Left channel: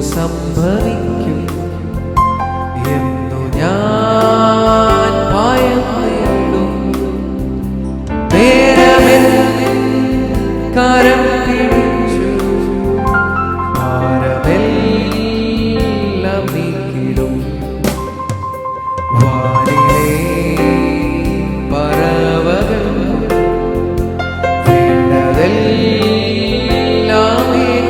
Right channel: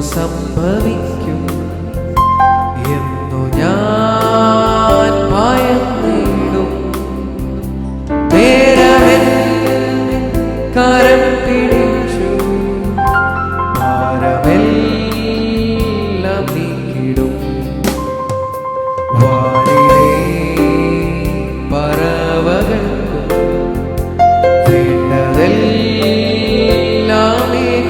സംഭവിക്കും എന്നു ഞാൻ ഭയം നേടും. നേരമെൻ കരം പിടിച്ചു ഭാരമെല്ലാം നീക്കിടും. പറവകൾക്കും വേണ്ടതെല്ലാമേകോ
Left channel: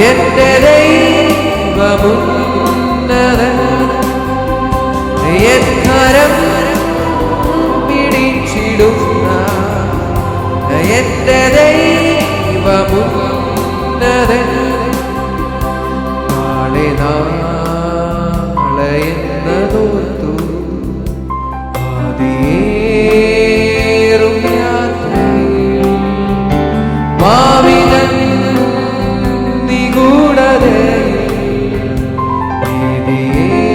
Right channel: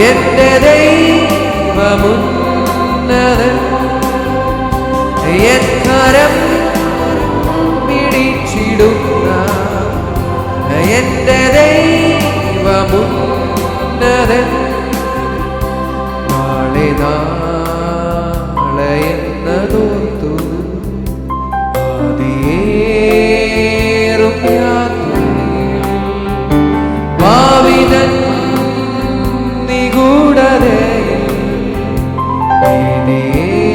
എന്റെ ദൈവമുന്നതൻ എൻ കരം പിടിച്ചിടുന്ന എന്റെ ദൈവമുന്നതൻ. നാളെ നാളെ എന്നതോർത്തു കൂടരയിൽ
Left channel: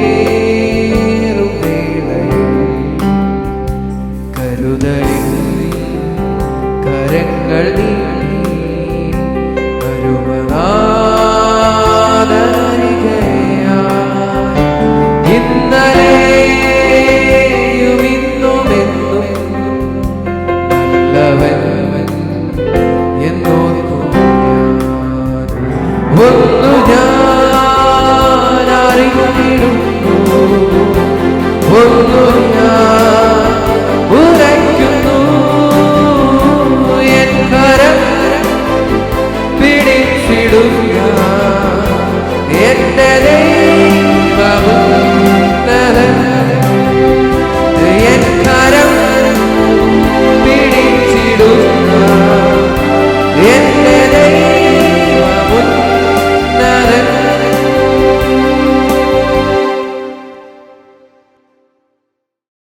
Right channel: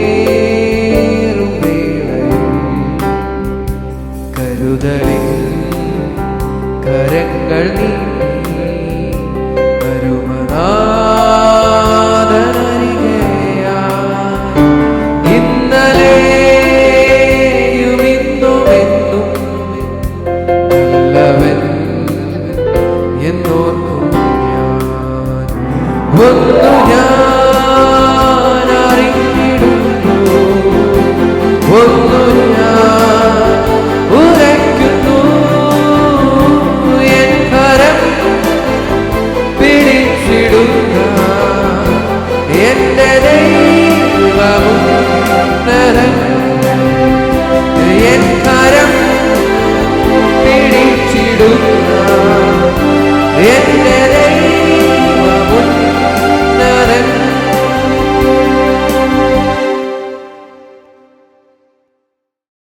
നീതിയേറും വേളയിൽ കരുതലിൽ കരങ്ങൾ നീട്ടി അരുമനാദനരികയാ ഇന്നലെയുമിന്നുമെന്നും നല്ലവൻ എന്നോ ഒന്നു ഞാൻ അറിഞ്ഞിടുന്നു ഒന്നു ഞാൻ ഉറയ്ക്കുന്നു. എൻ കരം പിടിച്ചിടുക എന്റെ ദൈവമുന്നതൻ എൻ കരം പിടിച്ചിടുക എന്റെ